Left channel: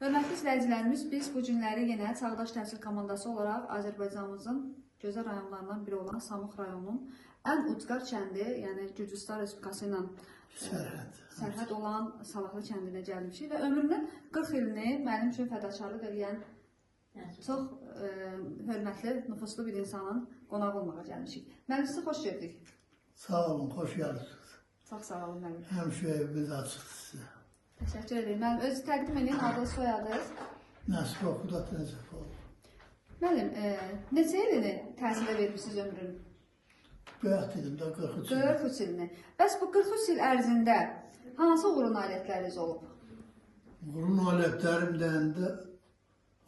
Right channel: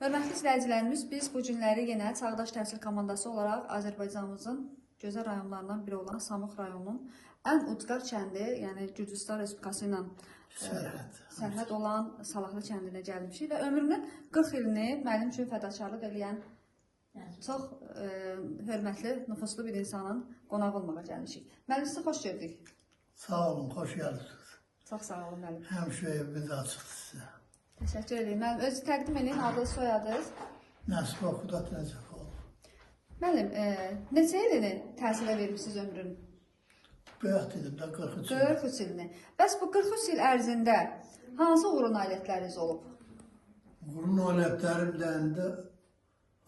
Hörmətli izləyicilərimiz, biz bu günləri yenə Çağdaş Təhsil komandası olaraq Azərbaycanımızın gözəl rayonlarından biri olan Samux rayonunun ən ucqar kəndi, yəni Gürcüstan Respublikası ilə sərhəd olan Salahlı kəndinə gəlmişik və ömrünün 40 ilini mənim üçün fədakarlıq edən çox hörmətli, nüfuzlu bir insanın qonağı olmağa gəlmişik. Müəllim, sizə xoş gördük. Sağ olun, xoş gəldiniz. Çox sağ olun müəllim. Həmişə evimiz açıq sizə. Təşəkkür ederim. Mən özü təqdim edin, adı soyadınız. Nəsr Oxudat Rəcəfoğlu. Mənim, neçə ilini təhsilə vermişsiniz ömrünün? Böyük dedim də 43 il. 43 ilini. Bəs bu 43 il ərzində hansı uğur nailiyyətləriniz olub? Uğur nailiyyətlərimdən də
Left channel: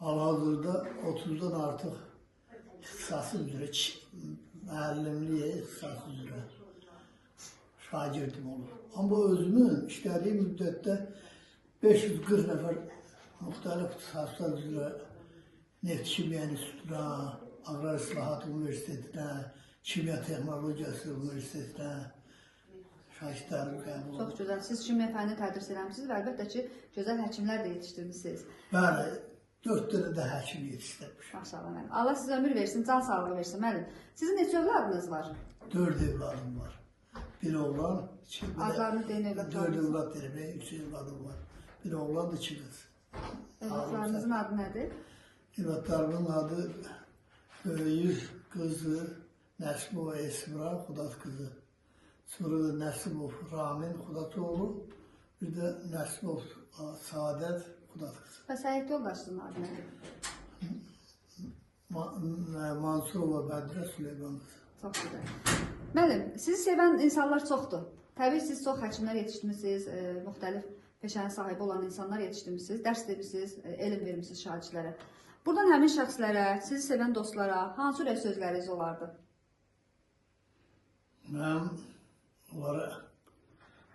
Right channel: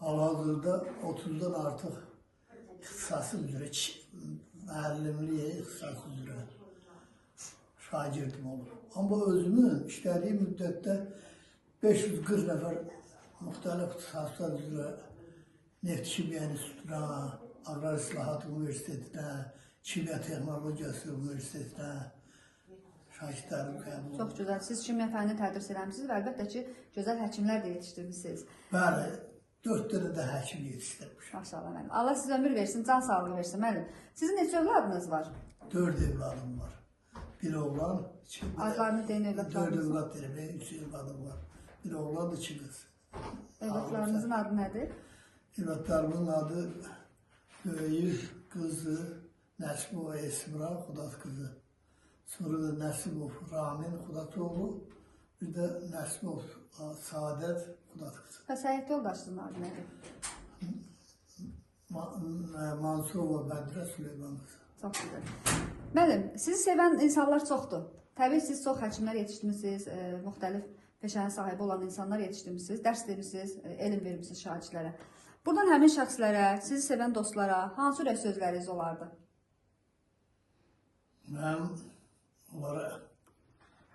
hal-hazırda 30-dan artıq ixtisası üzrə, müəllimliyə ixtisası üzrə şagirdim olur. Amma özümün işlədiyim müddətdə 540 nəfər müxtəlif ixtisaslar üzrə Neft Kimya İnstitutuna, Aqrar İslahat Universitetinə, Kimya Texnologiyası Universitetinə şagirdlərim qəbul oldu. Çox gözəl. Siz kimya fənni tədris eləmişsiniz və əlbəttə ki, gözəl həkimlər də yetişdirmişsiniz. Bəli, 4 dənə də həkim yetişdirmişəm. Maşallah mənim. Allah sizə ömür versin, can sağlığı versin mənim. Sizin neçə övladınız var? 4 evladım var. Bir oğlan, Adlarını deyin, 4 evlad dedim, 3 evladım var. Bir oğlan, 2 qız. Evladlarınızın adı nədir? Evladlarımın adı Böyük qızı Nəsimova Esmira Xudat qızı. Sonra da Nəsimov Ramin Xudatoğlu, bir də Nəsimov Saadət Xudat qızı. Bəs həyat yoldaşınızın adı nədir? Mansurova Bəndrə Süleyman qızı. Çox gözəl. Mənim, sizi sevən insanlar çoxdur. Təbii siz çox həkimlər yetişdirmişsiniz, müxtəlif peşənin sahibi olan insanlar yetişdirmişsiniz, dərs verirsiniz, elm vermişsiniz şagirdlərə. Buradan həmin şəxslərə, sizi sevən dostlara hansı ürək sözləriniz olardı? Mən onlara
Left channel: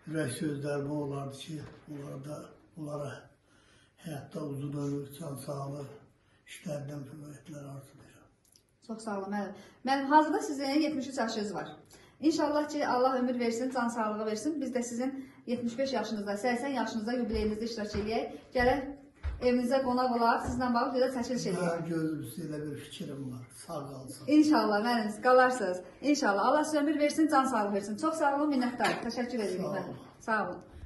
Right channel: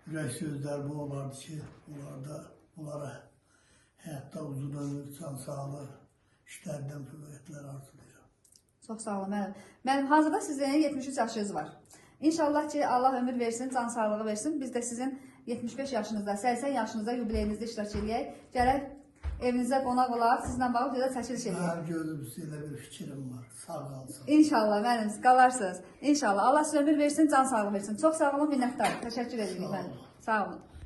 ürək sözlərim olardı ki, onlara həyatda uzun ömür, can sağlıq, işlərdən fəvvətlər arzulayıram. Çox sağ olun mənim. Mənim hazırda sizin 73 yaşınız var. İnşallah ki, Allah ömür versin, can sağlığı versin. Biz də sizin 75 yaşınızda, 80 yaşınızda yubileyinizdə iştirak edək. Gələk evinizə qonaq olaq, sizlə bağlı görə çəkiliş edək. Mən gözümüzdə elə bir fikrim var. Sağ qalsın. İnşallah mənim, qalarsınız. İnşallah. Allah sizə ömür versin, can sağlığı versin. Çox sağ olun, minnətdarım. Təşəkkür edirəm. Sağ olun. Sağ olun.